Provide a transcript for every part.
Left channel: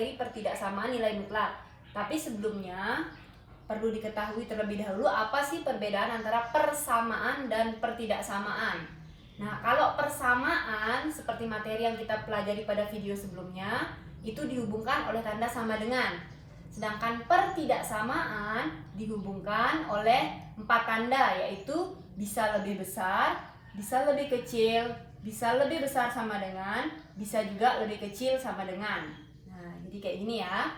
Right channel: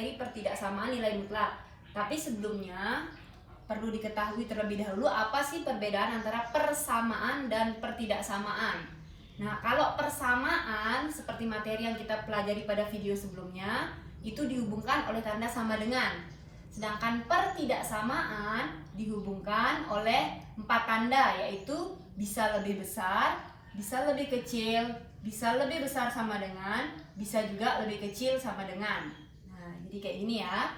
materi pertidaksamaan nilai mutlak. Tapi sebelumnya perlu diketahui terlebih dahulu apa sih perbedaan antara persamaan dan pertidaksamaan. Nah, kalau persamaan seperti materi yang kita pelajari pada video sebelumnya, itu dihubungkan oleh tanda sama dengan. Sedangkan pertidaksamaan dihubungkan oleh 4 tanda, yaitu bisa lebih besar, bisa lebih kecil, bisa lebih besar sama dengan, bisa juga lebih kecil sama dengan. Nah, jadi kayak gini ya.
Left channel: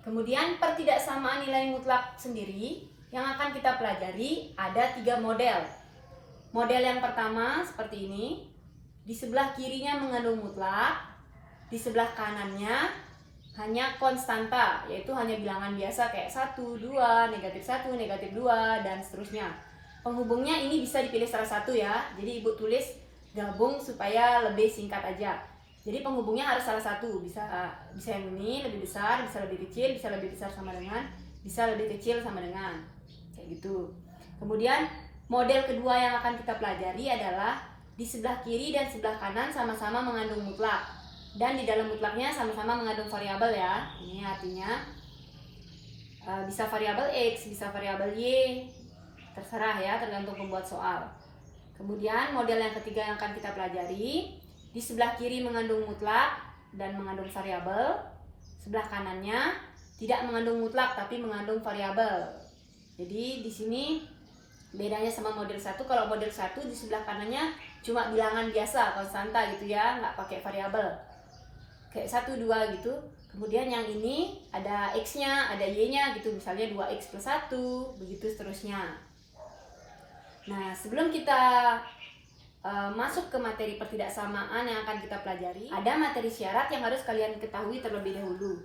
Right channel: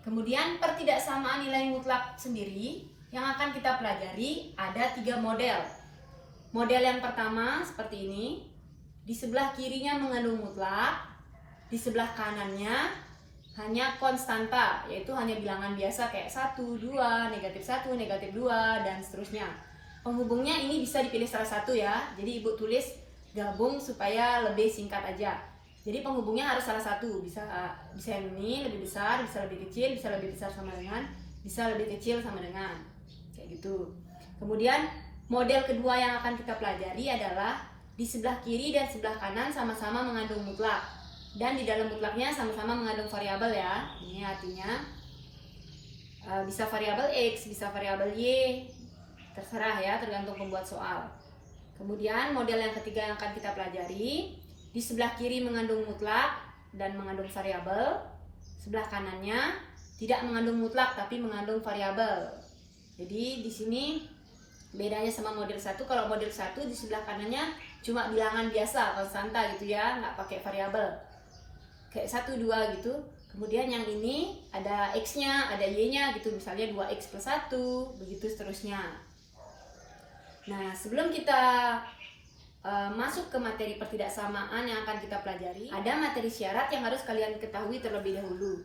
Kemudian pertidaksamaan nilai mutlak sendiri yang akan kita pelajari ada 3 model. Model yang pertama seperti ini. Di sebelah kirinya mengandung mutlak, di sebelah kanannya hanya konstanta, yaitu hanya bilangan biasa kayak 1, 2, negatif 1, negatif 2, dan seterusnya. Penghubungnya ini bisa dipilih salah satu ya. Jadi ibu tulis gabung supaya lebih singkat aja. Jadi penghubungnya harus salah satu, bisa yang ini lebih besar, bisa lebih kecil, bisa lebih besar sama dengan, bisa lebih kecil sama dengan, kayak gitu. Kemudian model kedua yang akan kita pelajari adalah di sebelah kiri dan sebelah kanan sama-sama mengandung mutlak, dan di dalam mutlaknya sama-sama mengandung variabel ya. Ini artinya bisa variabel x, bisa variabel y, terserah ya, tergantung pembuat soal. Kemudian model yang ketiga yang akan kita pelajari, di sebelah kiri mengandung mutlak dan mengandung variabel, sebelah kanannya tidak mengandung mutlak tapi mengandung variabel. Jadi di sini bedanya sama model 1, kalau model 1 di sebelah kanannya cuma bilangan biasa, konstanta gitu ya, nggak pakai variabel. Kayak 1, 2 gitu. Kemudian yang ini ada x-nya, ada y-nya gitu, misalnya 2x plus 1, begitu seterusnya. Nah, sebelum kita masuk ke materi pertidaksamaan yang akan kita pelajari, ada materi syarat yang harus kalian ketahui terlebih dahulu.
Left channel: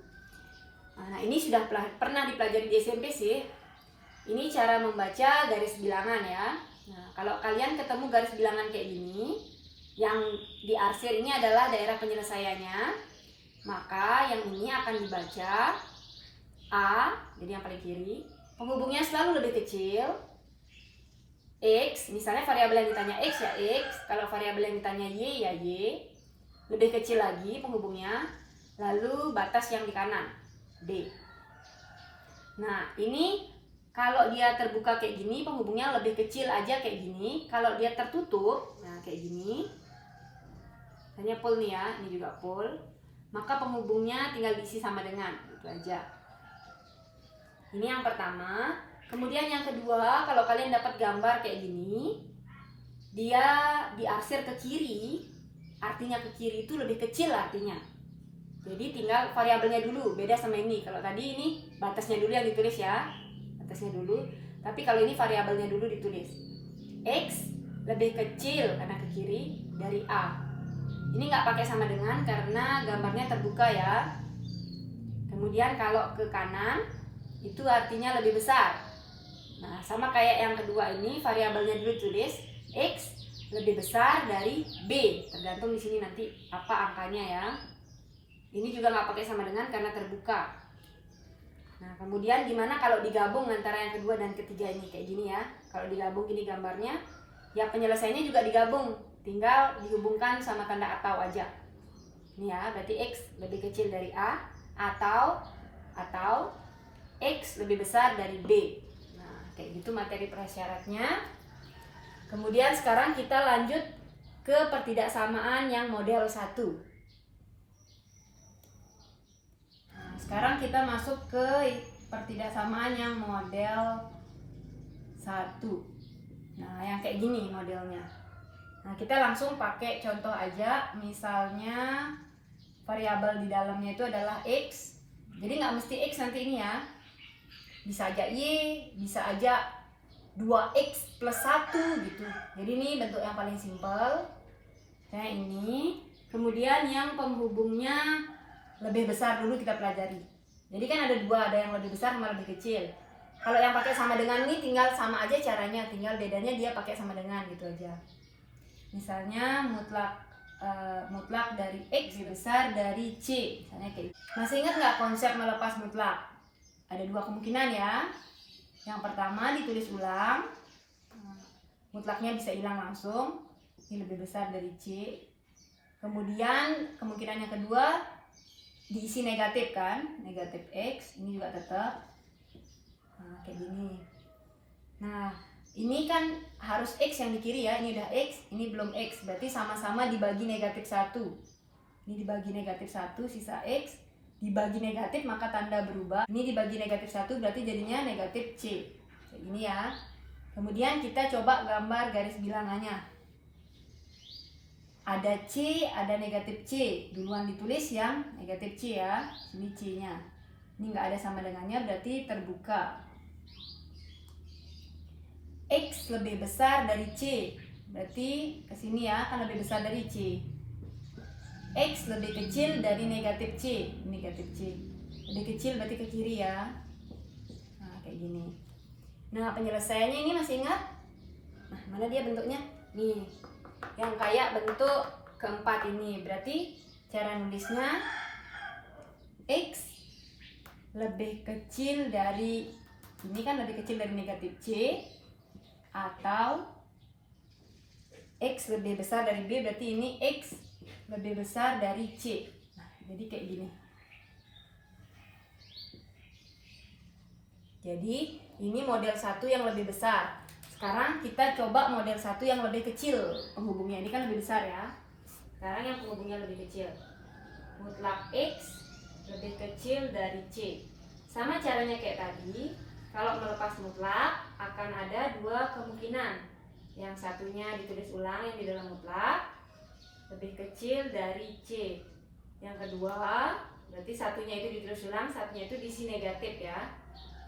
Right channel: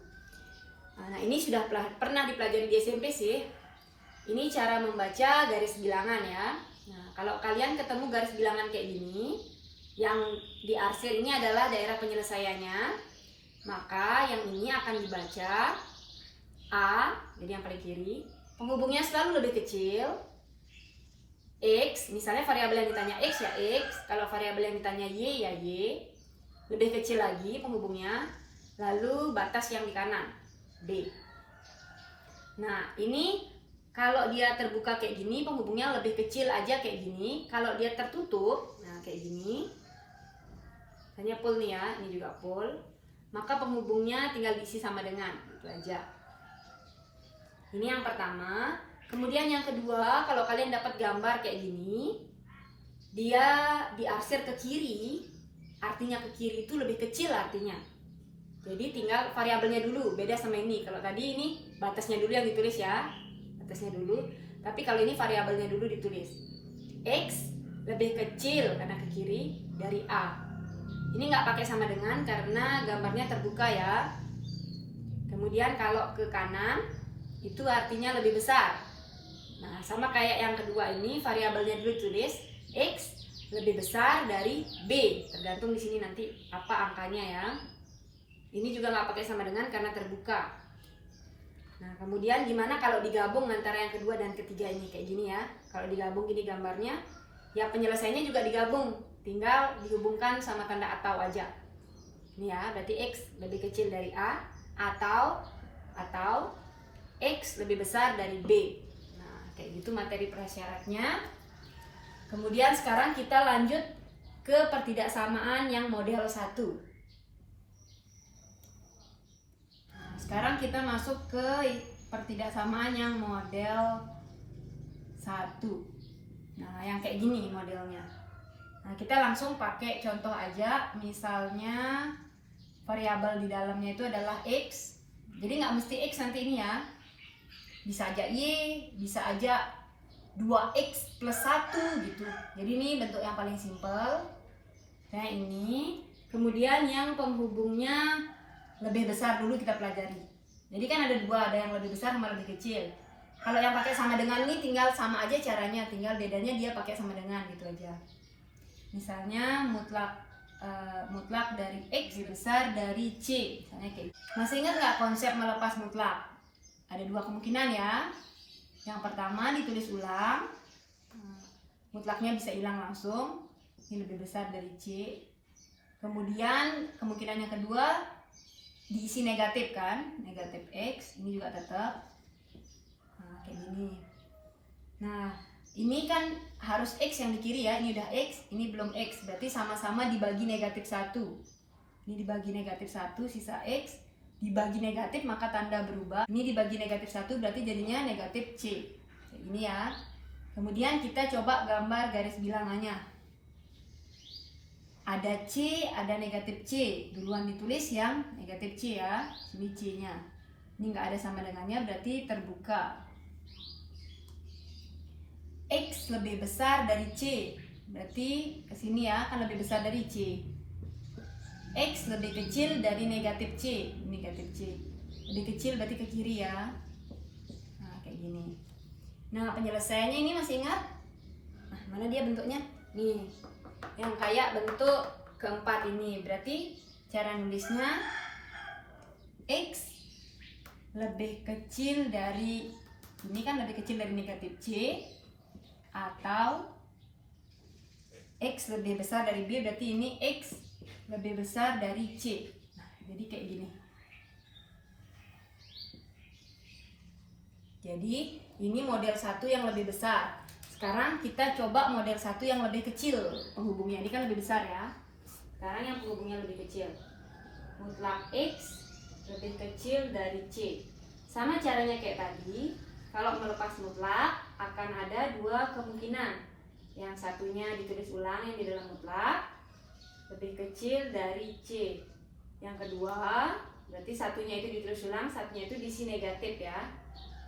Nah, ini sudah pernah dipelajari di SMP sih. Ini cara membaca garis bilangan ya. Nah, kalau kalian ketemu garis bilangan kayak gini, yang diarsir ini adalah daerah penyelesaiannya, maka yang ini akan dibaca A, jadi yang paling kiri. Penghubungnya selalu lebih kecil. X, misalnya variabel yang ditanya X ya X, kalau variabel yang ditanya Y ya Y, lebih kecil lagi penghubungnya, lalu batas yang di kanan, D. Nah, ini kalau dia terbuka kayak gini, penghubungnya lebih kecil aja kayak gini. Kalau dia tertutup, nah kayak gini, hanya pol nih ya, ini juga pol, maka penghubungnya tinggal diisi sama dengan, gitu aja. Ini yang pertama. Kemudian yang kedua, kalau kalian dapat gambar kayak gini, dia diarsir ke kiri, artinya ke kiri itu lebih kecil artinya. Jadi tinggal variabelnya dulu, beda sama ini. Kalau tadi ini batasnya dulu yang ditulis ya, batasnya dulu. Tapi kalau ini variabelnya dulu ditulis. X lebih kecil karena ke kiri dari A. Ini nggak pakai sama dengan karena gambarnya terbuka ya. Kemudian kalau ke kanan, itu artinya lebih besar. Nah, sama kayak yang kedua ini, variabelnya dulu tulis X lebih besar dari B, tergantung di sini nanti apa angkanya ya. Ini juga nggak pakai sama dengan karena terbuka. Nah, kemudian gimana kalau digabung antara yang kedua dan ketiga ini kayak gini ya. Kalau digabung gini gambarnya, ya penyelesaiannya juga digabung, tinggal dihubungkan sama tanda atau aja. Ini ya, berarti X lebih kecil dari A atau X lebih besar dari B. Kayak gitu materi prasyaratnya. Kemudian sekarang kita lanjut ke pertidaksamaan yang model 1. Nah, sekarang kita masuk ke pertidaksamaan yang model 1. Nah, yang kayak gini modelnya. Nah, kita langsung pakai contoh aja. Misalnya variabel di dalamnya itu adalah X. Jadi nggak mesti X nanti ini ya. Bisa aja Y, bisa aja 2X plus 1 gitu. Jadi ini bentuk yang paling simpel. Kayak ini. Kemudian yang penghubungnya lebih besar dulu kita pelajari. Jadi kan ada dua, ada yang lebih besar sama lebih kecil. Kalau yang pakai sama dengan ini tinggal sama aja caranya, tinggal bedanya dia pakai sama dengan gitu aja. Misalnya mutlak dari X lebih besar dari C. Misalnya kayak gitu. Masih ingat nggak konsep melepas mutlak? Ada dua kemungkinan ya. Yang pertama ditulis ulang, mutlaknya bisa hilang langsung, ini lebih besar dari C. Kemudian kemungkinan yang kedua, diisi negatif kan, negatif X, ini juga tetap. Nah, kayak gini. Nah, ini kan harus X yang di kiri ya, ini udah X, ini belum X, berarti sama-sama dibagi negatif 1. Ini dibagi negatif 1, sisa X, dibagi negatif maka tanda berubah. Ini dibagi negatif 1 berarti jadinya negatif C. Kayak gini ya. Kemudian kita coba gambar garis bilangannya. Ada C, ada negatif C. Duluan ditulis yang negatif C ya, ini C-nya. Ini nggak ada sama dengannya berarti terbuka. X lebih besar dari C, berarti kesini ya, kan lebih besar dari C. X lebih kecil dari negatif C, negatif C. Lebih kecil berarti ke kiri ya. Nah, kayak gini. Nah, penyelesaiannya ini masih ingat? Nah, mana dia bentuknya? Nih, yang kayak bentuk keempat ini. Berarti cara nulisnya X lebih kecil dari, ini kan lebih kecil dari negatif C, atau X lebih besar dari B, berarti ini X lebih besar dari C. Nah, jadi kayak gini. Jadi ini model 1 yang lebih besar. Sekarang kita coba model 1 yang lebih kecil. Penghubungnya ini kan lebih besar ya. Sekarang yang penghubungnya lebih kecil. Mutlak X lebih kecil dari C. Sama caranya kayak tadi. Kalau melepas mutlak akan ada dua kemungkinan. Yang satunya ditulis ulang yang di dalam mutlak lebih kecil dari C. Yang kedua, berarti satunya itu ditulis ulang, satunya itu diisi negatif ya.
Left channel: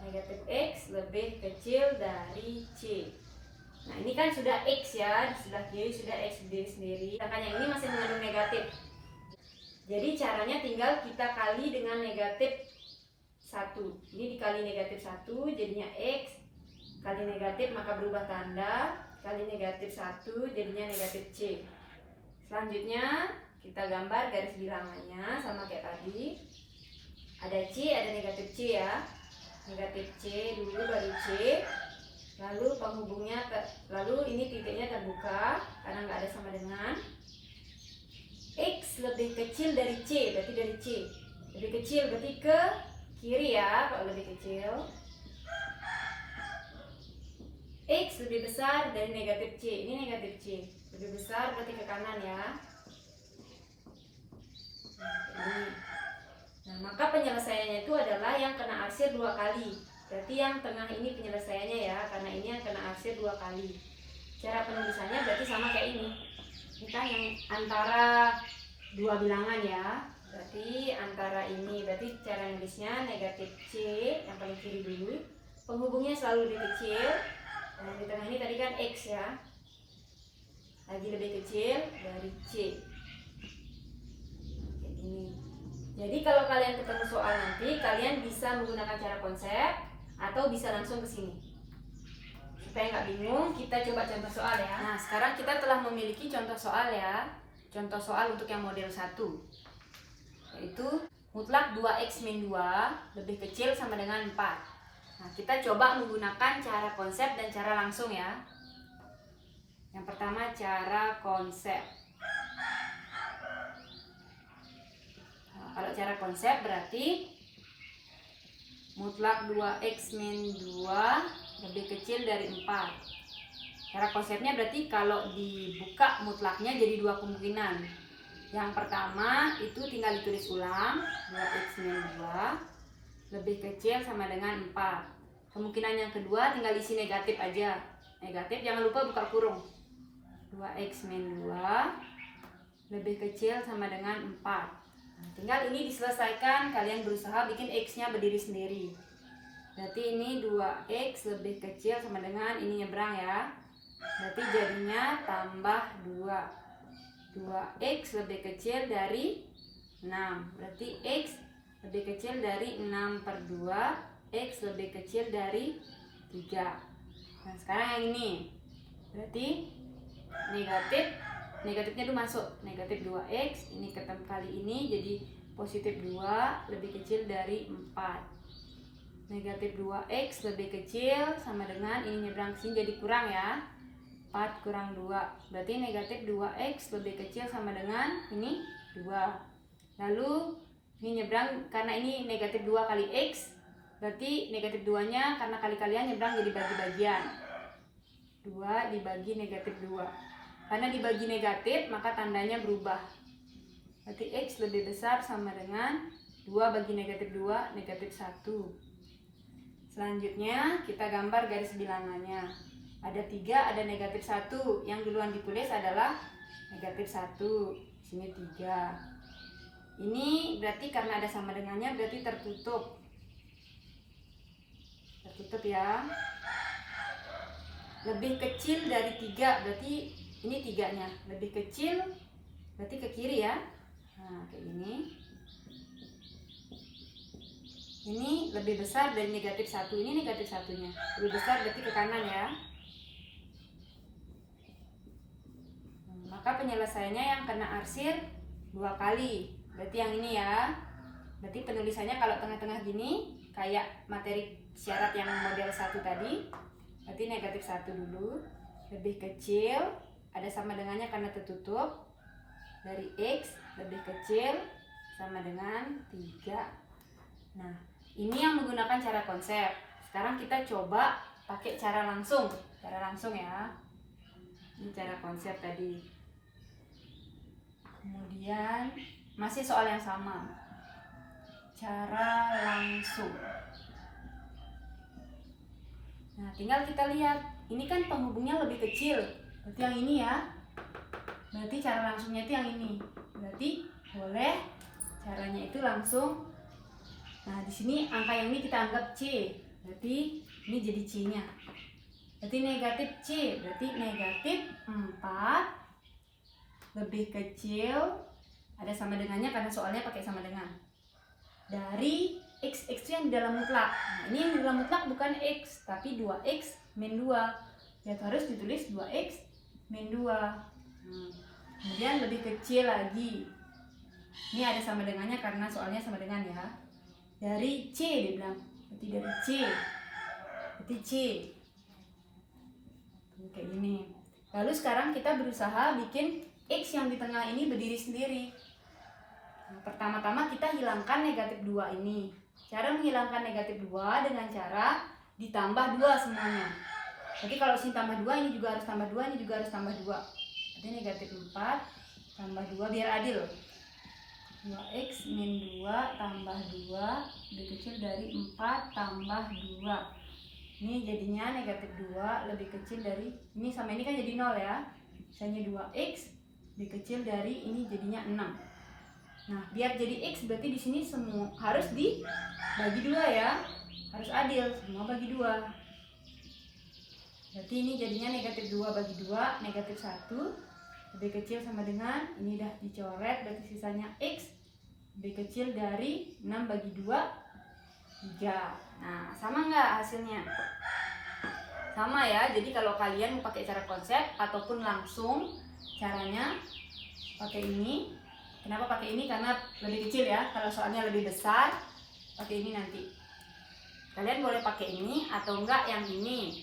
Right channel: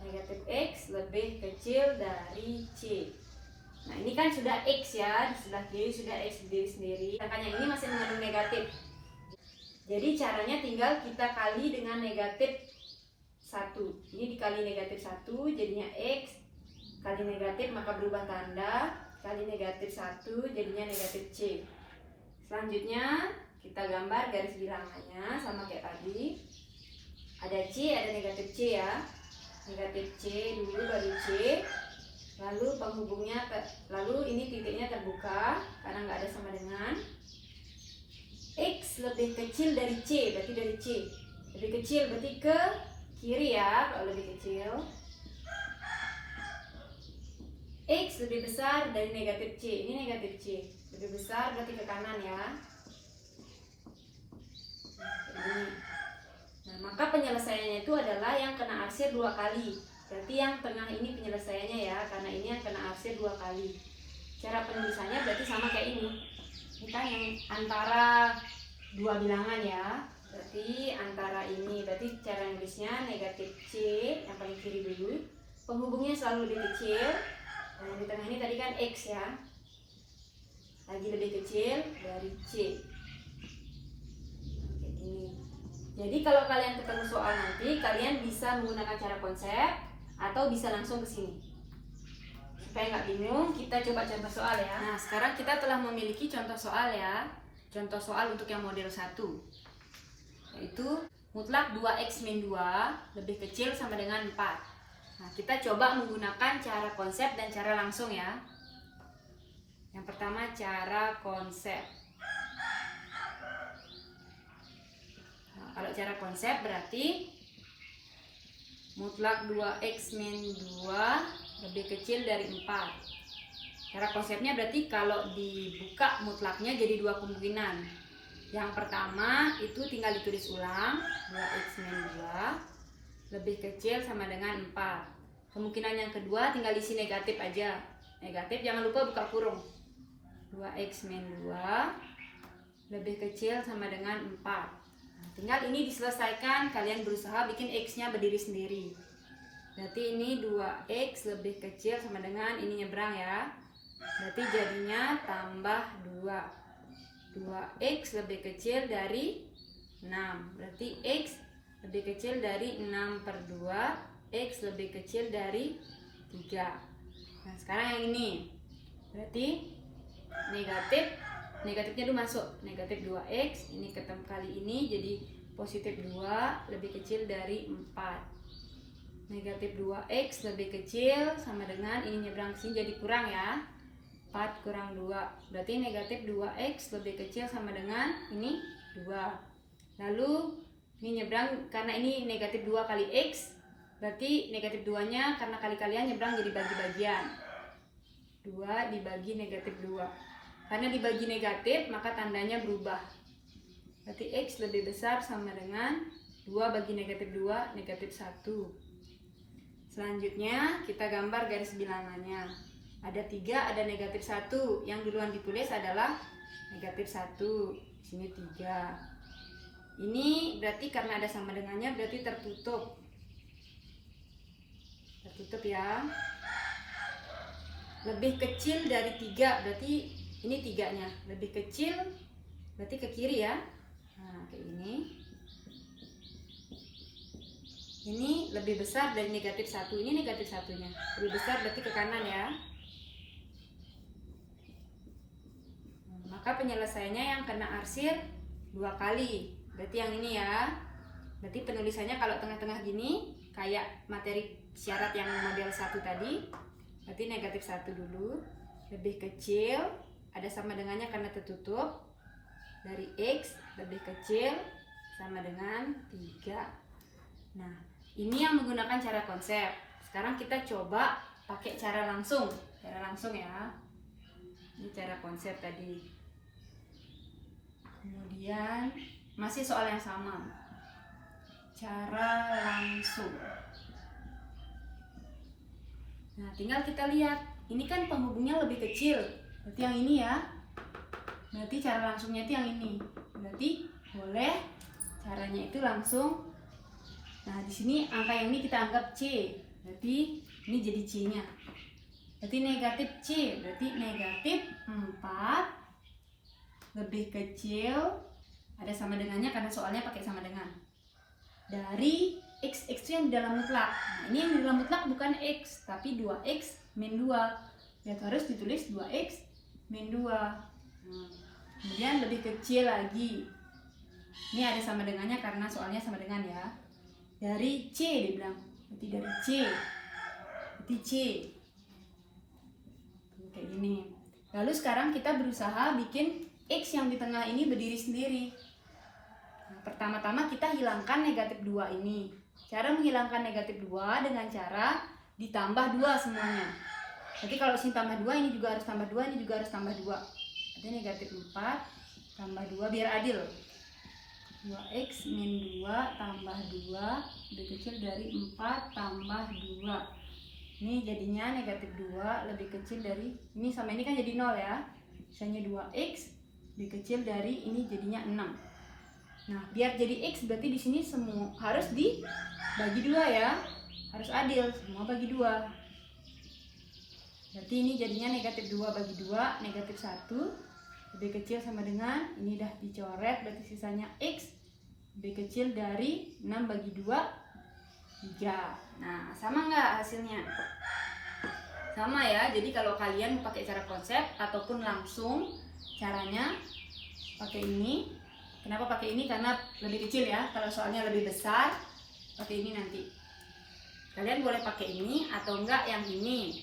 Negatif X lebih kecil dari C. Nah, ini kan sudah X ya, di sebelah kiri sudah X sendiri. Sedangkan yang ini masih mengandung negatif. Jadi caranya tinggal kita kali dengan negatif 1. Ini dikali negatif 1 jadinya X, kali negatif maka berubah tanda, kali negatif 1 jadinya negatif C. Selanjutnya kita gambar garis bilangannya sama kayak tadi. Ada C, ada negatif C ya. Negatif C dulu baru C. Lalu penghubungnya, lalu ini titiknya terbuka karena nggak ada sama dengan. X lebih kecil dari C, berarti dari C. Lebih kecil berarti ke kiri ya, kalau lebih kecil. X lebih besar dari negatif C, ini negatif C. Lebih besar berarti ke kanan ya. Nah, maka penyelesaiannya itu adalah yang kena arsir 2 kali. Berarti yang tengah ini penyelesaiannya ya, karena ini yang kena arsir 2 kali. Cara penulisannya berarti sama kayak ini. Ini kan yang antara dua bilangan ya. Berarti antara ini, berarti cara nulisnya negatif C yang paling kiri dulu. Penghubungnya selalu lebih kecil. Nah, di tengah ini tadi kan X ya. Lagi lebih kecil dari C. Kayak gini. Jadi kalau kalian ketemu soal nanti, kalian bisa menggunakan cara konsep atau bisa langsung ke sini. Supaya nggak bingung, kita coba contoh soal ya. Nah, sekarang kita telah memiliki contoh soal ya. Contoh soal untuk yang model 1. Yaitu mutlak 2x min 2 lebih kecil sama dengan 4. Nah, kita coba menggunakan cara konsep dan cara langsung ya. Yang pertama cara konsep. Nah, kalau cara konsep berarti mutlak 2x min 2 lebih kecil dari 4. Cara konsepnya berarti kalau dibuka mutlaknya jadi dua kemungkinan. Yang pertama itu tinggal ditulis ulang, 2x min 2 lebih kecil sama dengan 4. Kemungkinan yang kedua tinggal isi negatif aja. Negatif jangan lupa buka kurung. 2x min 2 lebih kecil sama dengan 4. Nah, tinggal ini diselesaikan, kalian berusaha bikin x-nya berdiri sendiri. Berarti ini 2x lebih kecil sama dengan ini nyebrang ya. Berarti jadinya tambah 2. 2x lebih kecil dari 6. Berarti x lebih kecil dari 6/2. X lebih kecil dari 3. Nah, sekarang yang ini. Berarti negatifnya dulu masuk. Negatif 2x. Ini ketemu kali ini jadi positif 2 lebih kecil dari 4. Negatif 2x lebih kecil sama dengan ini nyebrang sini jadi kurang ya. 4 kurang 2. Berarti negatif 2x lebih kecil sama dengan ini 2. Lalu Ini nyebrang karena ini negatif 2 kali X, berarti negatif 2-nya karena kali-kalian nyebrang jadi bagi-bagian. 2 dibagi negatif 2. Karena dibagi negatif, maka tandanya berubah. Berarti X lebih besar sama dengan 2 bagi negatif 2, negatif 1. Selanjutnya, kita gambar garis bilangannya. Ada 3, ada negatif 1. Yang duluan ditulis adalah negatif 1. Di sini 3. Ini berarti karena ada sama dengannya, berarti tertutup. Tertutup ya. Lebih kecil dari 3, berarti ini 3-nya. Lebih kecil, berarti ke kiri ya. Nah, kayak gini. Ini lebih besar dari negatif 1. Ini negatif 1-nya. Lebih besar berarti ke kanan ya. Maka penyelesaiannya yang kena arsir 2 kali. Berarti yang ini ya. Berarti penulisannya kalau tengah-tengah gini kayak materi syarat yang model 1 tadi. Berarti negatif 1 dulu. Lebih kecil, ada sama dengannya karena tertutup. Dari X lebih kecil sama dengan 3. Nah, ini yang menggunakan cara konsep. Sekarang kita coba pakai cara langsung. Cara langsung ya. Ini cara konsep tadi. Kemudian masih soal yang sama. Cara langsung. Nah, tinggal kita lihat. Ini kan penghubungnya lebih kecil. Berarti yang ini ya. Berarti cara langsungnya itu yang ini. Berarti boleh caranya itu langsung. Nah, di sini angka yang ini kita anggap C. Berarti ini jadi C-nya. Berarti negatif C. Berarti negatif 4 lebih kecil, ada sama dengannya karena soalnya pakai sama dengan, dari X yang di dalam mutlak. Nah, ini yang di dalam mutlak bukan X, tapi 2X min 2. Ya harus ditulis 2X min 2. Kemudian lebih kecil lagi. Ini ada sama dengannya karena soalnya sama dengan ya. Dari C dibilang. Berarti dari C. Berarti C. Kayak gini. Lalu sekarang kita berusaha bikin X yang di tengah ini berdiri sendiri. Nah, pertama-tama kita hilangkan negatif 2 ini. Cara menghilangkan negatif 2 dengan cara ditambah 2 semuanya. Jadi kalau sini tambah 2, ini juga harus tambah 2, ini juga harus tambah 2. Jadi negatif 4 tambah 2 biar adil. 2X min 2 tambah 2 lebih kecil dari 4 tambah 2. Ini jadinya negatif 2 lebih kecil dari, ini sama ini kan jadi 0 ya. Misalnya 2X lebih kecil dari, ini jadinya 6. Nah, biar jadi X berarti di sini semua harus dibagi 2 ya. Harus adil, semua bagi 2. Berarti ini jadinya negatif 2 bagi 2, negatif 1 lebih kecil sama dengan, ini udah dicoret, berarti sisanya X lebih kecil dari 6 bagi 2, 3. Nah, sama nggak hasilnya? Sama ya, jadi kalau kalian mau pakai cara konsep ataupun langsung, caranya pakai ini. Kenapa pakai ini? Karena lebih kecil ya. Kalau soalnya lebih besar, pakai ini nanti. Kalian boleh pakai ini atau enggak yang ini.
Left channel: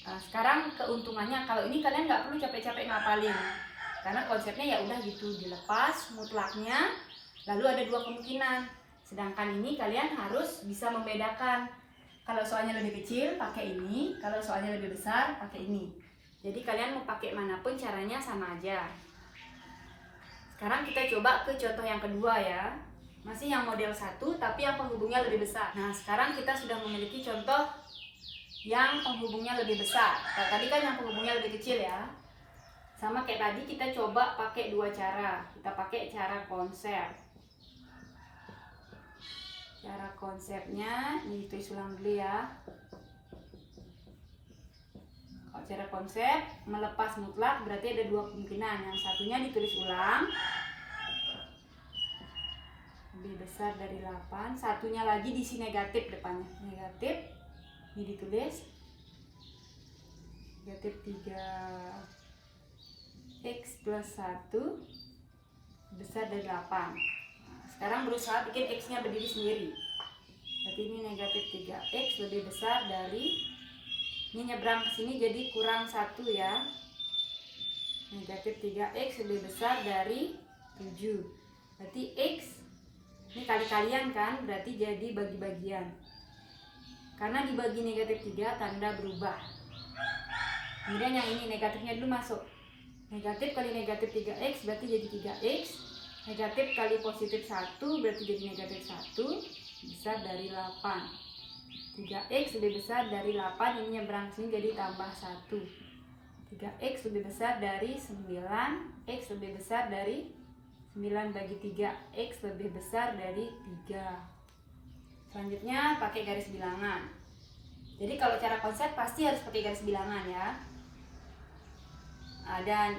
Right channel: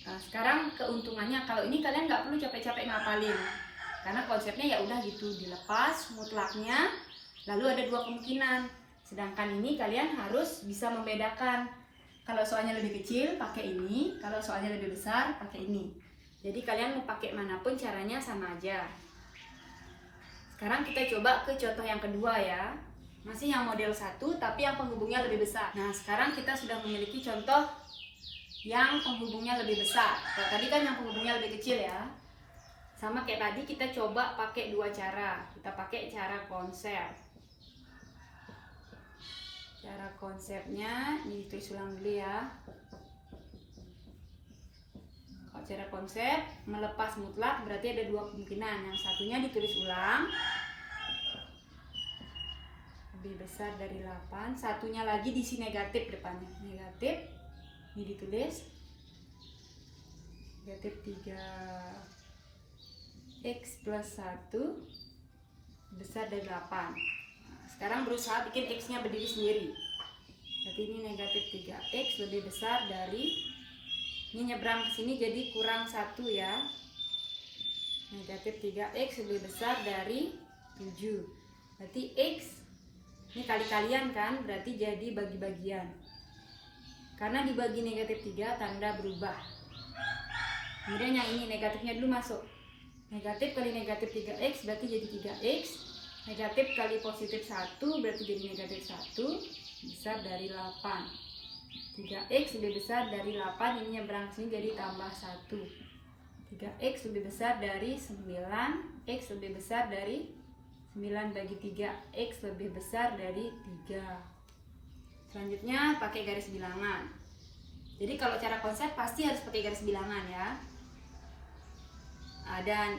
Nah, sekarang keuntungannya, kalau ini kalian nggak perlu capek-capek ngapalin. Karena konsepnya ya udah gitu, dilepas mutlaknya. Lalu ada 2 kemungkinan. Sedangkan ini kalian harus bisa membedakan. Kalau soalnya lebih kecil, pakai ini. Kalau soalnya lebih besar, pakai ini. Jadi kalian mau pakai manapun caranya sama aja. Sekarang kita coba ke contoh yang kedua ya. Masih yang model 1 tapi yang penghubungnya lebih besar. Nah, sekarang kita sudah memiliki contoh yang penghubungnya lebih besar. Kalau tadi kan yang penghubungnya lebih kecil ya. Sama kayak tadi kita coba pakai 2 cara. Kita pakai cara konsep. Cara konsepnya ini ditulis ulang dulu ya. Kalau cara konsep melepas mutlak berarti ada 2 kemungkinan. Yang satunya ditulis ulang, lebih besar dari 8. Satunya lagi diisi negatif depannya. Negatif, ini ditulis negatif 3x plus 1 besar dari 8. Sekarang berusaha bikin X-nya berdiri sendiri. Berarti ini negatif 3X lebih besar dari, ini nyebrang ke sini jadi kurang 1 ya. Negatif 3X lebih besar dari 7. Berarti X Ini kali-kalian kan, berarti jadi bagi-bagian. Karena dibagi negatif 3, tanda berubah. Kemudian yang ini negatifnya dulu masuk. Negatif kali negatif 3x berarti jadi 3x. Negatif kali positif 1 berarti jadi negatif 1. Besar dari 8. 3x lebih besar dari 8, ini nyebrang sini jadi tambah 1. 3x lebih besar dari 9, x lebih besar dari 9 bagi 3, x lebih besar dari 3. Selanjutnya pakai garis bilangan. Jadi kalau cara konsep pasti harus pakai garis bilangan ya. Ada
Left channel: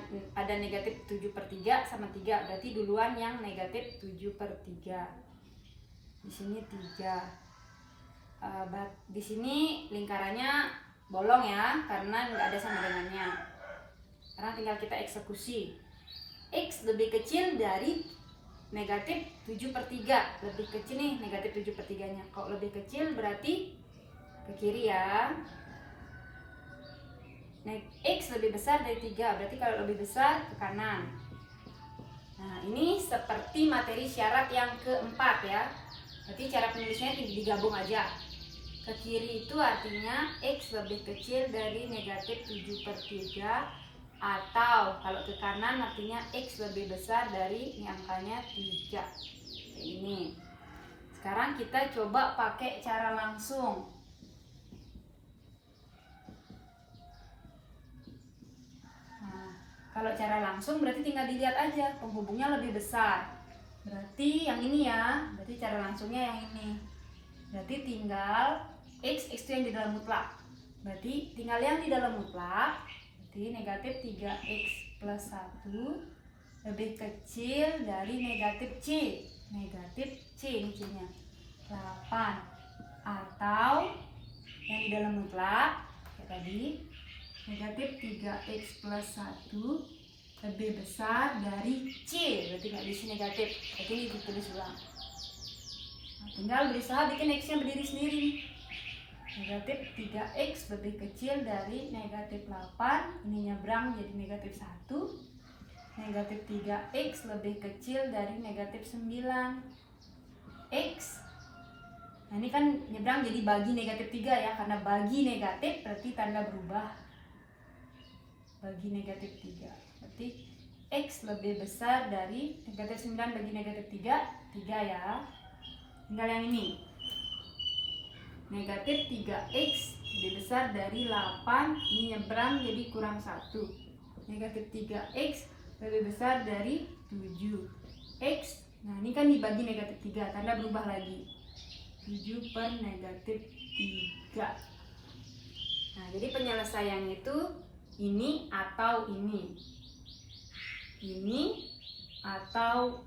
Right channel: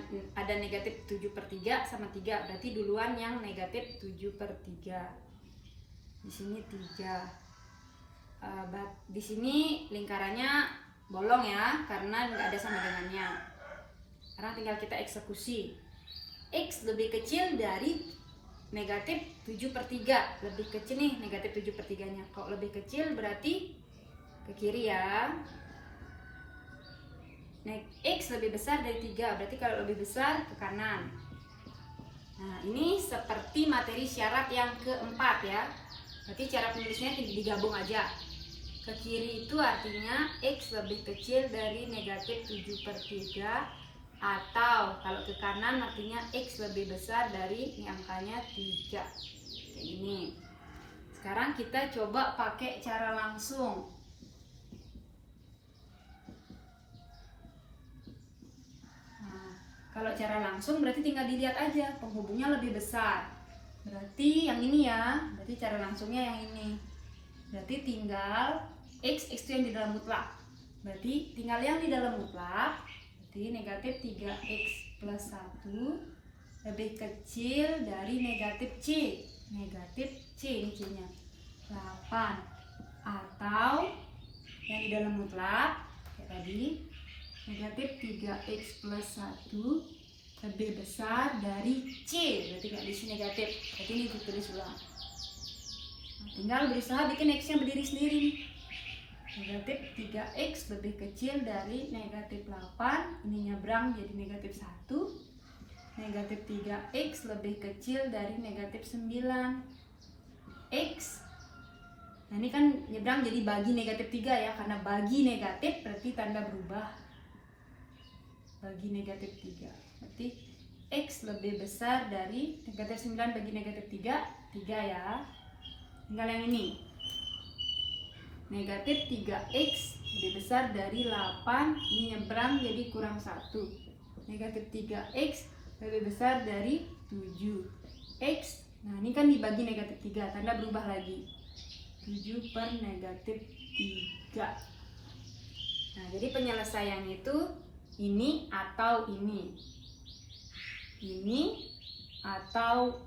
negatif 7/3 sama 3, berarti duluan yang negatif 7/3. Di sini 3. Di sini lingkarannya bolong ya, karena nggak ada sama dengannya. Sekarang tinggal kita eksekusi. X lebih kecil dari negatif 7/3, lebih kecil nih negatif 7/3 nya. Kalau lebih kecil berarti ke kiri ya. X lebih besar dari 3, berarti kalau lebih besar ke kanan. Nah ini seperti materi syarat yang keempat ya. Berarti cara penulisnya digabung aja. Ke kiri itu artinya X lebih kecil dari negatif 7/3, atau kalau ke kanan artinya X lebih besar dari ini angkanya 3. Kayak ini. Sekarang kita coba pakai cara langsung. Nah, kalau cara langsung berarti tinggal dilihat aja, penghubungnya lebih besar. Berarti yang ini ya, berarti cara langsungnya yang ini. Berarti tinggal X itu yang di dalam mutlak. Berarti tinggal yang di dalam mutlak. Berarti negatif 3x plus 1 lebih kecil dari negatif C. Negatif C ini C-nya 8. Atau yang di dalam mutlak kayak tadi, negatif 3x plus 1 lebih besar dari C. Berarti nggak diisi negatif. Jadi ini ditulis ulang. Nah, tinggal berusaha bikin X nya berdiri sendiri. Negatif 3x lebih kecil dari negatif 8, ini nyebrang jadi negatif 1. Negatif 3x lebih kecil dari negatif 9 x. Nah ini kan nyebrang jadi bagi negatif 3 ya, karena bagi negatif berarti tanda berubah. Bagi negatif 3 berarti x lebih besar dari negatif 9 bagi negatif 3 ya. Tinggal yang ini, negatif 3x lebih besar dari 8, ini nyebrang jadi kurang 1. Negatif 3x lebih besar dari 7x. Nah ini kan dibagi negatif 3, tanda berubah lagi. 7 per negatif 3. Nah jadi penyelesaian itu ini atau ini. Ini atau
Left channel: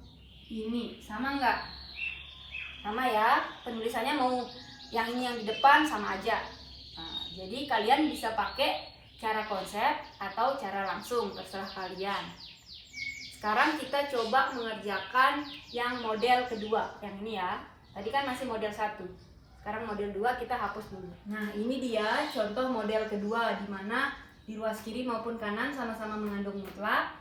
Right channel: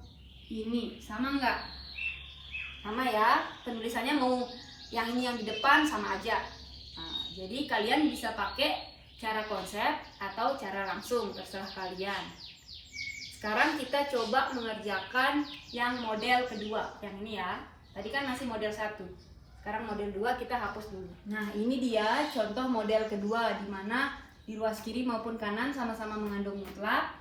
ini. Sama nggak? Sama ya, penulisannya mau yang ini yang di depan sama aja. Nah, jadi kalian bisa pakai cara konsep atau cara langsung, terserah kalian. Sekarang kita coba mengerjakan yang model kedua, yang ini ya. Tadi kan masih model 1. Sekarang model 2 kita hapus dulu. Nah, ini dia contoh model kedua, di mana di ruas kiri maupun kanan sama-sama mengandung mutlak,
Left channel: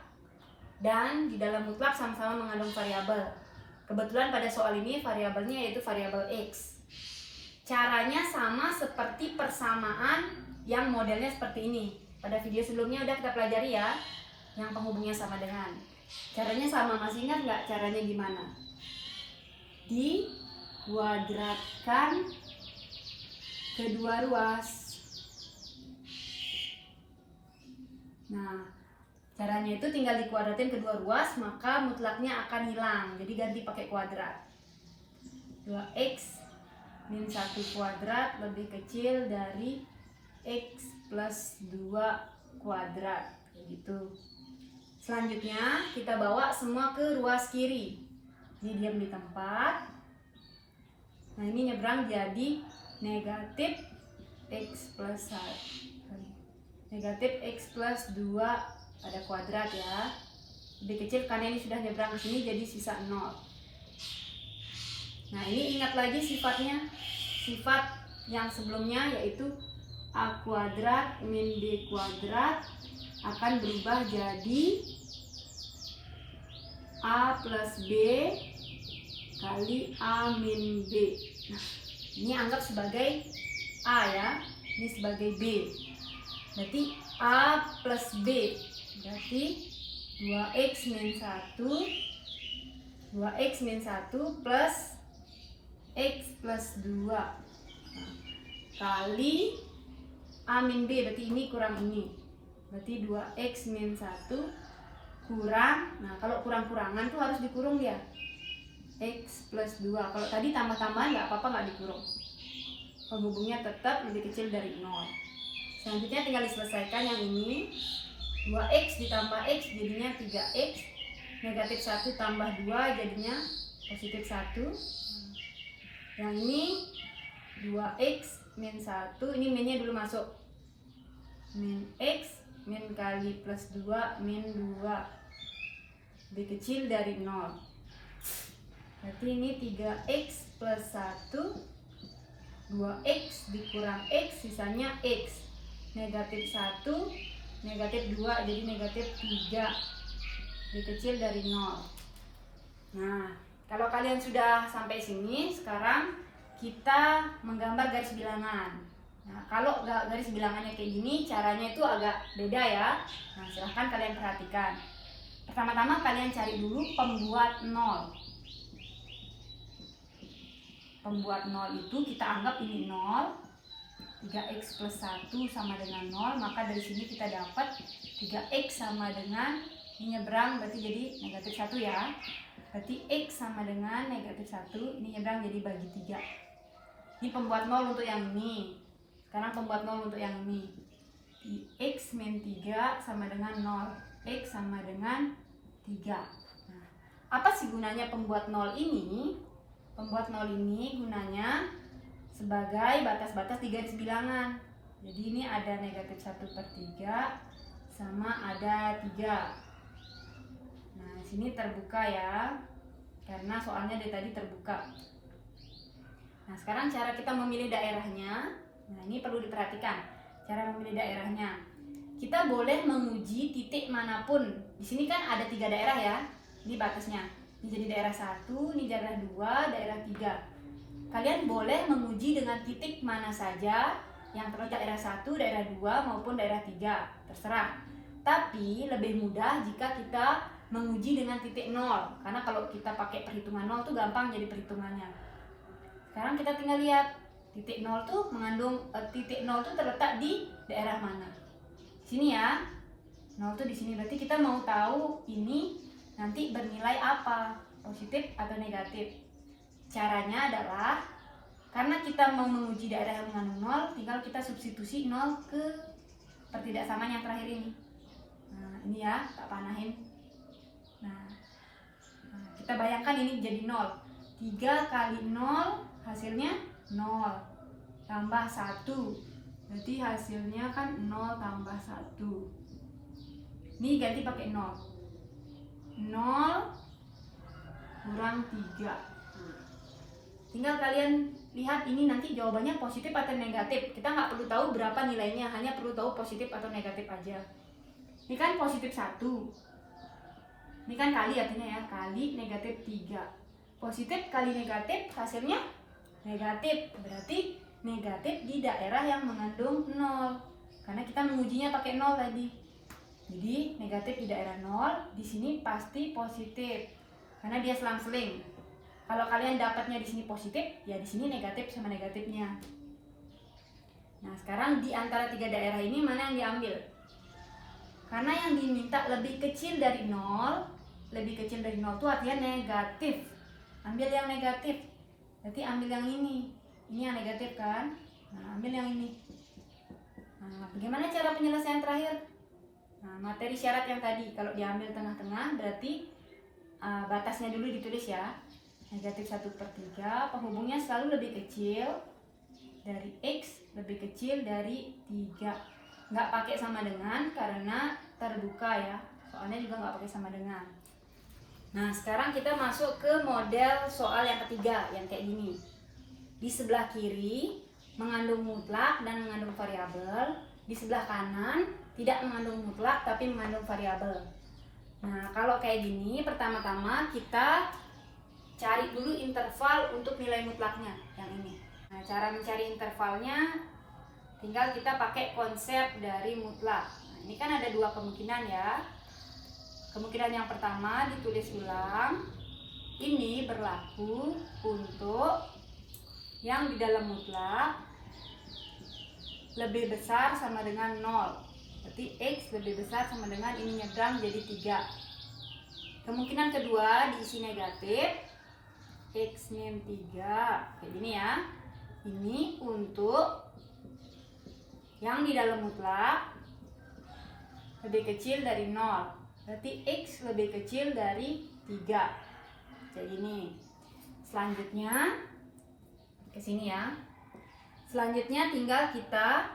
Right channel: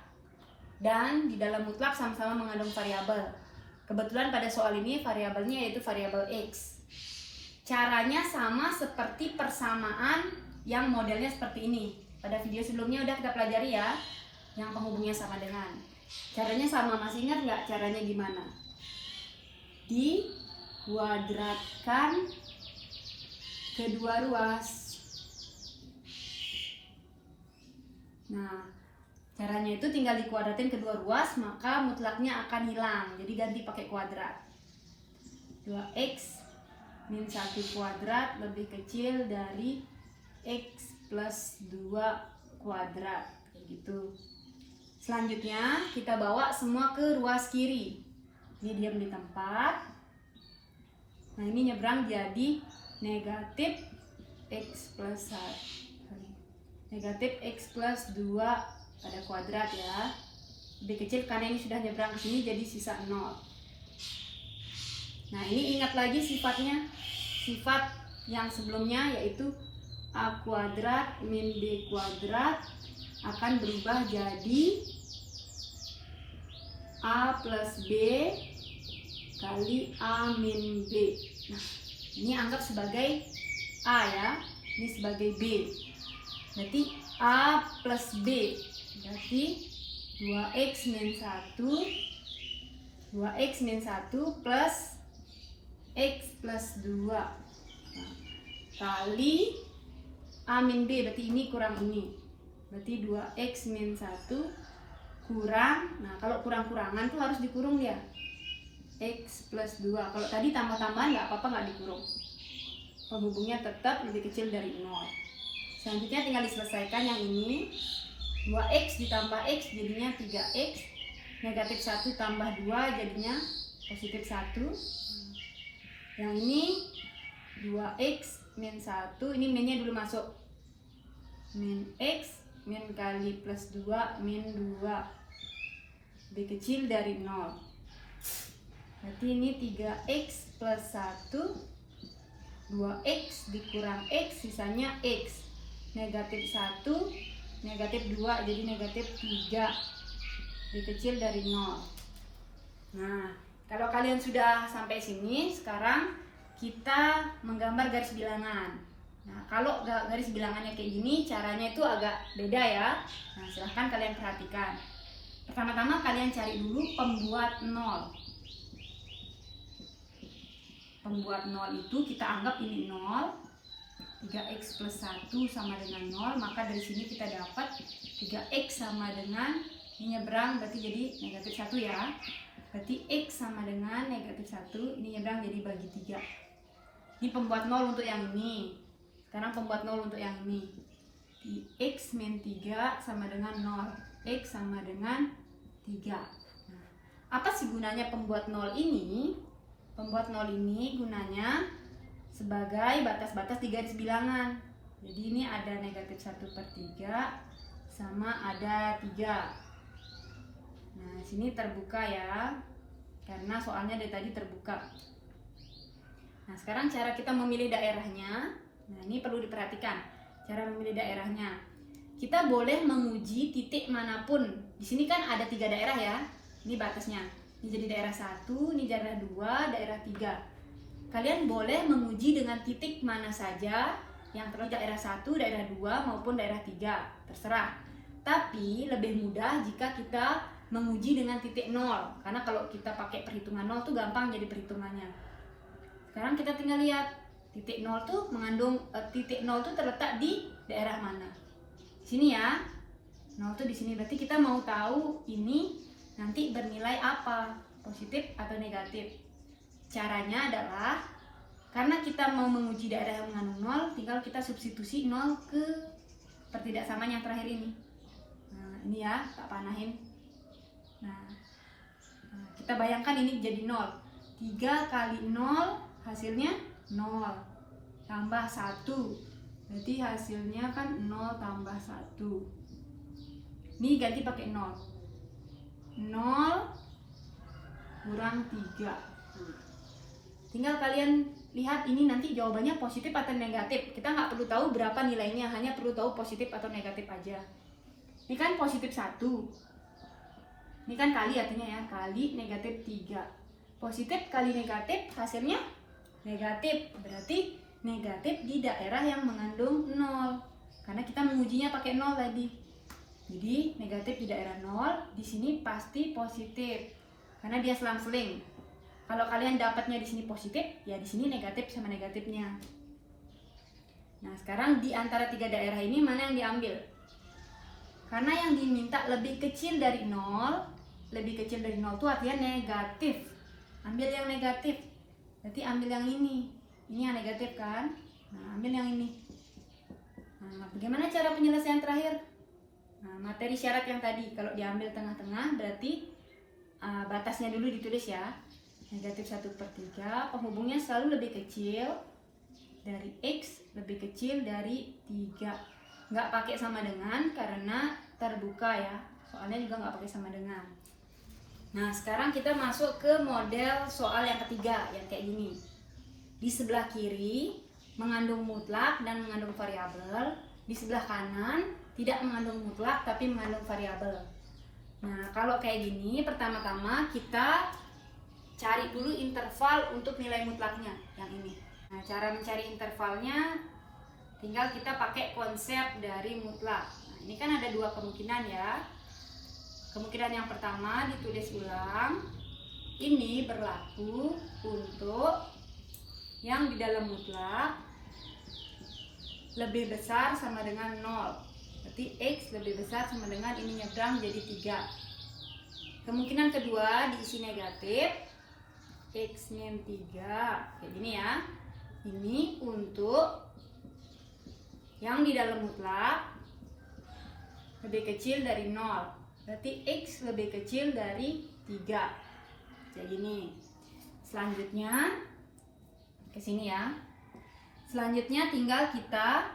dan di dalam mutlak sama-sama mengandung variabel. Kebetulan pada soal ini variabelnya yaitu variabel X. Caranya sama seperti persamaan yang modelnya seperti ini. Pada video sebelumnya udah kita pelajari ya, yang penghubungnya sama dengan. Caranya sama, masih ingat nggak caranya gimana? Dikuadratkan kedua ruas. Nah, caranya itu tinggal dikuadratin kedua ruas, maka mutlaknya akan hilang. Jadi ganti pakai kuadrat. 2x min 1 kuadrat lebih kecil dari x plus 2 kuadrat, kayak gitu. Selanjutnya kita bawa semua ke ruas kiri. Ini diam di tempat. Nah ini nyebrang jadi negatif x plus 1, negatif x plus 2 pada kuadrat ya. Lebih kecil karena ini sudah nyebrang ke sini jadi sisa 0. Nah ini ingat lagi sifatnya, sifat yang sebelumnya yaitu a kuadrat min b kuadrat akan berubah jadi a plus b kali A min B. Nah, ini anggap sebagai A ya, ini sebagai B. Berarti A plus B, berarti 2x min 1 plus x plus 2 kali A min B, berarti ini kurang ini. Berarti 2x min 1 kurang, nah kalau kurang-kurangan tuh harus dikurung ya, x plus 2. Kalau tadi tambah-tambahan nggak apa-apa, nggak dikurung, penghubungnya tetap lebih kecil dari 0. Selanjutnya tinggal diselesaikan yang ini. 2x ditambah x jadinya 3x, negatif 1 tambah 2 jadinya positif 1. Yang ini 2x min 1, ini minnya dulu masuk, min x min kali plus 2 min 2 lebih kecil dari 0. Berarti ini 3x plus 1, 2x dikurang x sisanya x, negatif 1 negatif 2 jadi negatif 3 lebih kecil dari 0. Nah, kalau kalian sudah sampai sini, sekarang kita menggambar garis bilangan. Nah, kalau garis bilangannya kayak gini, caranya itu agak beda ya. Nah, silahkan kalian perhatikan. Pertama-tama kalian cari dulu pembuat 0. Pembuat 0 itu kita anggap ini 0. 3x plus 1 sama dengan 0, maka dari sini kita dapat 3x sama dengan, ini nyebrang berarti jadi negatif 1 ya. Berarti x sama dengan negatif 1, ini nyebrang jadi bagi 3. Ini pembuat 0 untuk yang ini. Sekarang pembuat 0 untuk yang ini. X min 3 sama dengan 0, x sama dengan 3. Nah, apa sih gunanya pembuat 0 ini? Pembuat 0 ini gunanya sebagai batas-batas di garis bilangan. Jadi ini ada negatif 1/3 sama ada 3. Nah, sini terbuka ya, karena soalnya dari tadi terbuka. Nah, sekarang cara kita memilih daerahnya. Nah, ini perlu diperhatikan cara memilih daerahnya. Kita boleh menguji titik manapun. Di sini kan ada 3 daerah ya. Ini batasnya. Ini jadi daerah 1, ini daerah 2, daerah 3. Kalian boleh menguji dengan titik mana saja yang terletak daerah 1, daerah 2 maupun daerah 3, terserah. Tapi lebih mudah jika kita menguji dengan titik 0, karena kalau kita pakai perhitungan 0 tuh gampang jadi perhitungannya. Sekarang kita tinggal lihat titik 0 tuh mengandung titik 0 tuh terletak di daerah mana. Sini ya. 0 tuh di sini, berarti kita mau tahu ini nanti bernilai apa, positif atau negatif. Caranya adalah, karena kita mau menguji daerah yang mengandung 0, tinggal kita substitusi 0 ke pertidaksamaan yang terakhir ini. Nah, ini ya, tak panahin. Nah, kita bayangkan ini jadi 0. 3 kali 0 hasilnya 0 tambah 1. Berarti hasilnya kan 0 tambah 1. Ini ganti pakai 0. 0 kurang 3. Tinggal kalian lihat ini nanti jawabannya positif atau negatif. Kita nggak perlu tahu berapa nilainya, hanya perlu tahu positif atau negatif aja. Ini kan positif 1. Ini kan kali artinya ya, kali negatif 3. Positif kali negatif hasilnya negatif. Berarti negatif di daerah yang mengandung 0. Karena kita mengujinya pakai 0 tadi. Jadi negatif di daerah 0, di sini pasti positif. Karena dia selang-seling. Kalau kalian dapatnya di sini positif, ya di sini negatif sama negatifnya. Nah, sekarang di antara 3 daerah ini mana yang diambil? Karena yang diminta lebih kecil dari 0, lebih kecil dari 0 itu artinya negatif. Ambil yang negatif. Berarti ambil yang ini. Ini yang negatif kan? Nah, ambil yang ini. Nah, bagaimana cara penyelesaian terakhir? Nah, materi syarat yang tadi, kalau diambil tengah-tengah berarti batasnya dulu ditulis ya. Negatif 1/3, penghubungnya selalu lebih kecil dari x, lebih kecil dari 3. Nggak pakai sama dengan karena terbuka ya, soalnya juga nggak pakai sama dengan. Nah, sekarang kita masuk ke model soal yang ketiga, yang kayak gini. Di sebelah kiri mengandung mutlak dan mengandung variabel, di sebelah kanan tidak mengandung mutlak tapi mengandung variabel. Nah, kalau kayak gini, pertama-tama kita cari dulu interval untuk nilai mutlaknya yang ini. Nah, cara mencari intervalnya tinggal kita pakai konsep dari mutlak. Nah, ini kan ada dua kemungkinan ya. Kemungkinan yang pertama ditulis ulang. Ini berlaku untuk yang di dalam mutlak lebih besar sama dengan 0. Berarti X lebih besar sama dengan ini nyebrang jadi 3. Kemungkinan kedua diisi negatif, X min 3. Kayak gini ya. Ini untuk yang di dalam mutlak lebih kecil dari 0. Berarti X lebih kecil dari 3. Kayak gini. Selanjutnya ke sini ya. Selanjutnya tinggal kita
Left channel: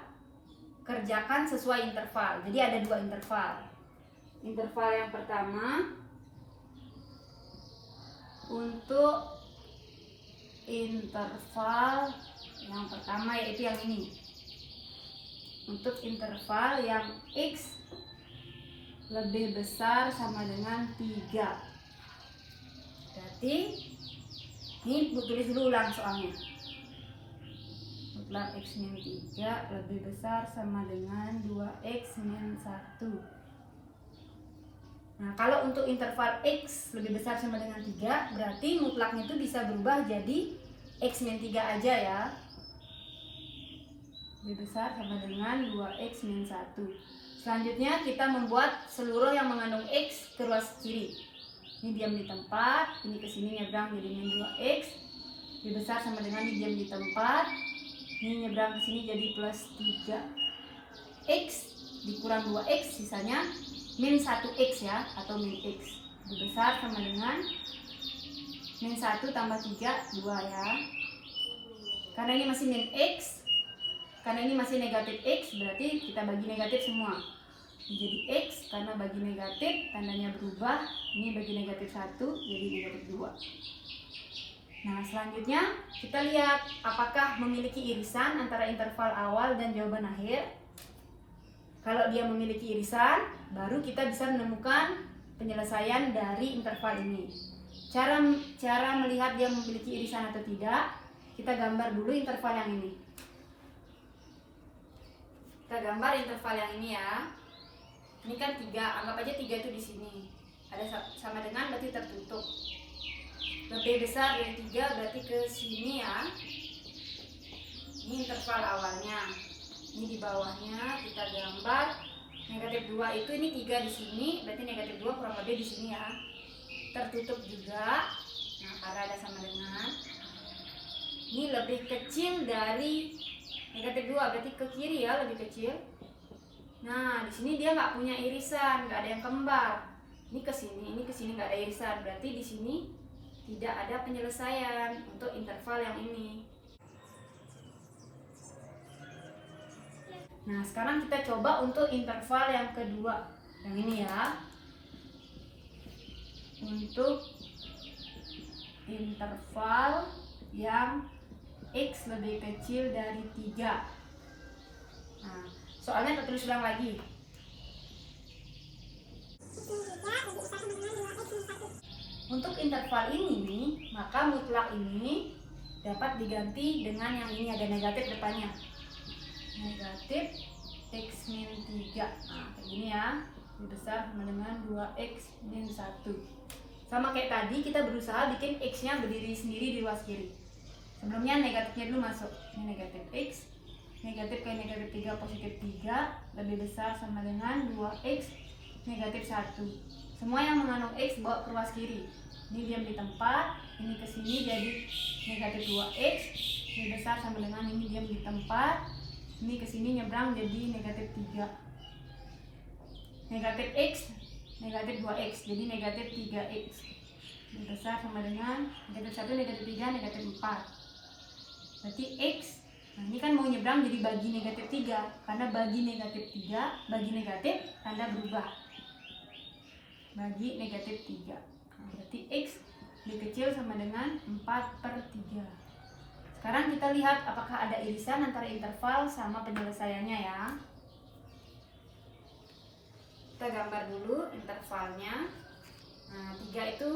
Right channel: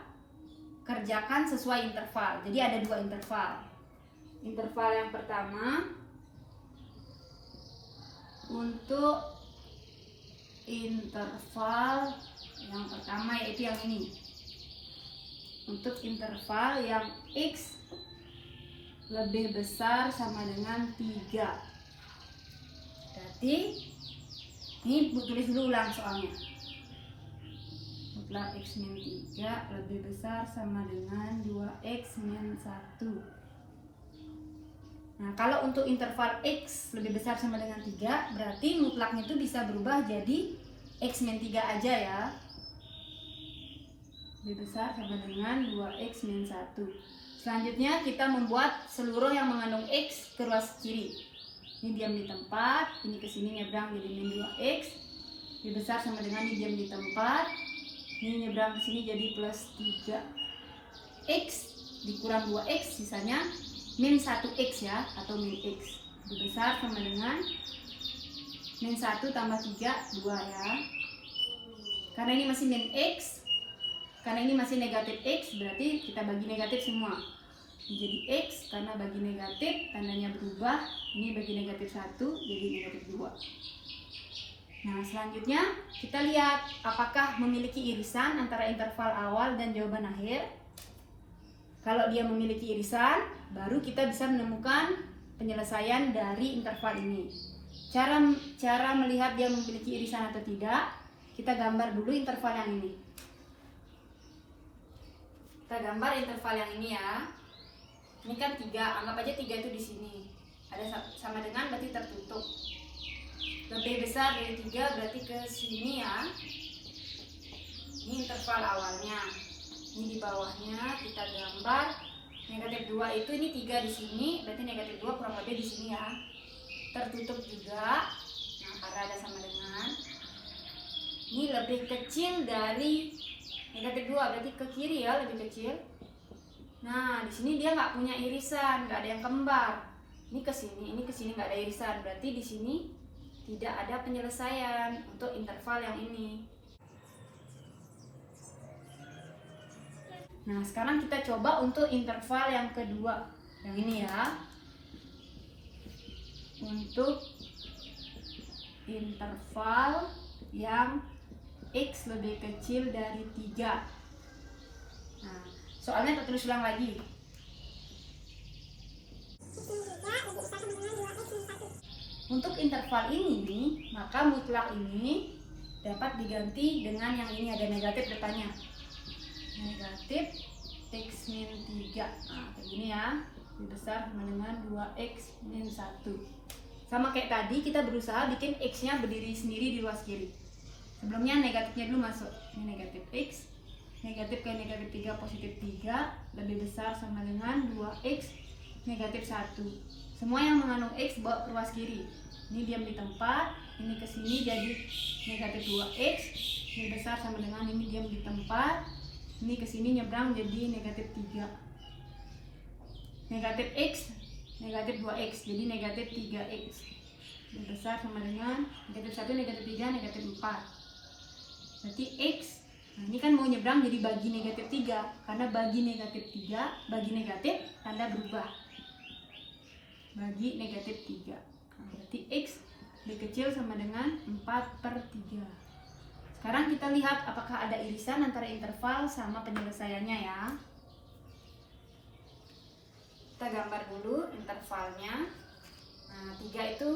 kerjakan sesuai interval. Jadi ada dua interval. Interval yang pertama untuk interval yang pertama yaitu yang ini. Untuk interval yang X lebih besar sama dengan 3. Berarti ini tulis dulu ulang soalnya. Mutlak X min 3 lebih besar sama dengan 2X min 1. Nah, kalau untuk interval X lebih besar sama dengan 3, berarti mutlaknya itu bisa berubah jadi X min 3 aja ya. Lebih besar sama dengan 2X min 1. Selanjutnya kita membuat seluruh yang mengandung X ke ruas kiri. Ini diam di tempat, ini ke sini nyebrang jadi min 2X. Lebih besar sama dengan ini diam di tempat. Ini nyebrang ke sini jadi plus 3. X dikurang 2X sisanya min 1X ya, atau min X. Lebih besar sama dengan min 1 tambah 3, 2 ya. Karena ini masih min X, karena ini masih negatif X, berarti kita bagi negatif semua. Jadi X, karena bagi negatif tandanya berubah. Ini bagi negatif 1 jadi negatif 2. Nah, selanjutnya kita lihat apakah memiliki irisan antara interval awal dan jawaban akhir. Kalau dia memiliki irisan, baru kita bisa menemukan penyelesaian dari interval ini. Cara melihat dia memiliki irisan atau tidak, kita gambar dulu interval yang ini. Kita gambar interval yang ini ya. Ini kan 3, anggap aja 3 itu di sini. Ada sama dengan berarti tertutup. Lebih besar dari 3 berarti ke sini ya. Ini interval awalnya. Ini di bawahnya kita gambar negatif 2 itu, ini 3 di sini, berarti negatif 2 kurang lebih di sini ya. Tertutup juga. Nah, karena ada sama dengan ini lebih kecil dari negatif 2, berarti ke kiri ya, lebih kecil. Nah, di sini dia nggak punya irisan, nggak ada yang kembar. Ini ke sini nggak ada irisan, berarti di sini tidak ada penyelesaian untuk interval yang ini. Nah, sekarang kita coba untuk interval yang kedua, yang ini ya. Untuk interval yang X lebih kecil dari 3. Nah, soalnya kita tulis ulang lagi. Untuk interval ini, maka mutlak ini dapat diganti dengan yang ini, ada negatif depannya. Negatif X min 3. Nah, kayak gini ya. Lebih besar sama dengan 2X min 1. Sama kayak tadi, kita berusaha bikin X-nya berdiri sendiri di ruas kiri. Sebelumnya negatifnya dulu masuk. Ini negatif X. Negatif kayak negatif 3 positif 3. Lebih besar sama dengan 2X negatif 1. Semua yang mengandung X bawa ke ruas kiri. Ini diam di tempat, ini ke sini jadi negatif 2X. Lebih besar sama dengan ini diam di tempat. Ini ke sini nyebrang jadi negatif 3. Negatif X, negatif 2X, jadi negatif 3X. Lebih besar sama dengan negatif 1, negatif 3, negatif 4. Berarti X, nah ini kan mau nyebrang jadi bagi negatif 3. Karena bagi negatif 3, bagi negatif, tanda berubah. Bagi negatif 3. Nah, berarti X lebih kecil sama dengan 4/3. Sekarang kita lihat apakah ada irisan antara interval sama penyelesaiannya ya. Kita gambar dulu intervalnya. Nah, 3 itu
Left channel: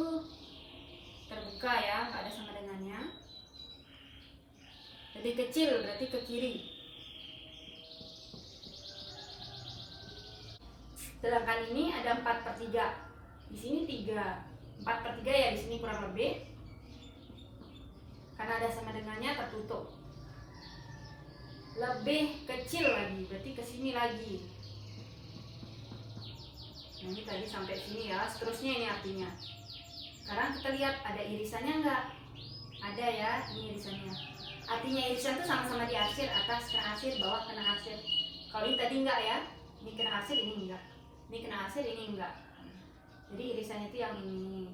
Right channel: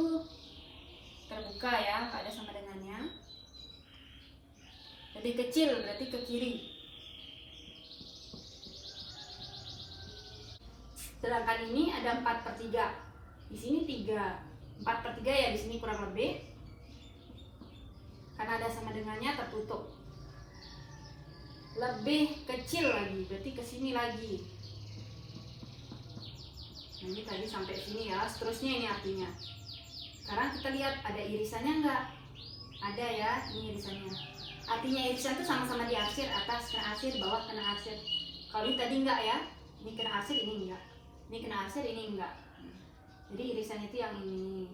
kita terbuka ya, nggak ada sama dengannya. Lebih kecil berarti ke kiri. Sedangkan ini ada 4/3. Di sini 3. 4/3 ya, di sini kurang lebih. Karena ada sama dengannya tertutup. Lebih kecil lagi, berarti ke sini lagi. Nah, ini tadi sampai sini ya, seterusnya ini artinya. Sekarang kita lihat ada irisannya enggak? Ada ya, ini irisannya. Artinya irisan itu sama-sama diarsir, atas kena arsir, bawah kena arsir. Kalau ini tadi enggak ya, ini kena arsir, ini enggak. Ini kena arsir, ini enggak. Jadi irisan itu yang ini.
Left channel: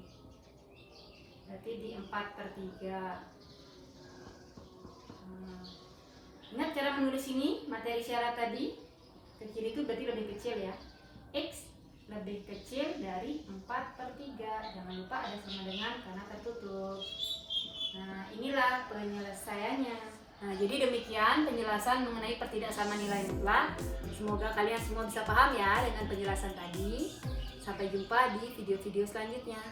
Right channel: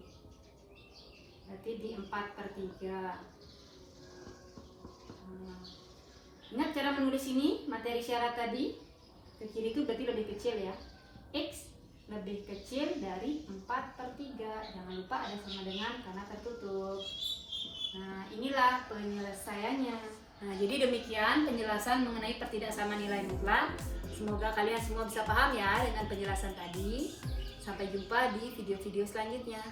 Berarti di 4/3. Ingat cara menulis ini, materi syarat tadi. Ke kiri itu berarti lebih kecil ya. X lebih kecil dari 4/3. Jangan lupa ada sama dengan karena tertutup. Nah, inilah penyelesaiannya. Nah, jadi demikian penjelasan mengenai pertidaksamaan nilai mutlak. Semoga kalian semua bisa paham ya dengan penjelasan tadi. Sampai jumpa di video-video selanjutnya.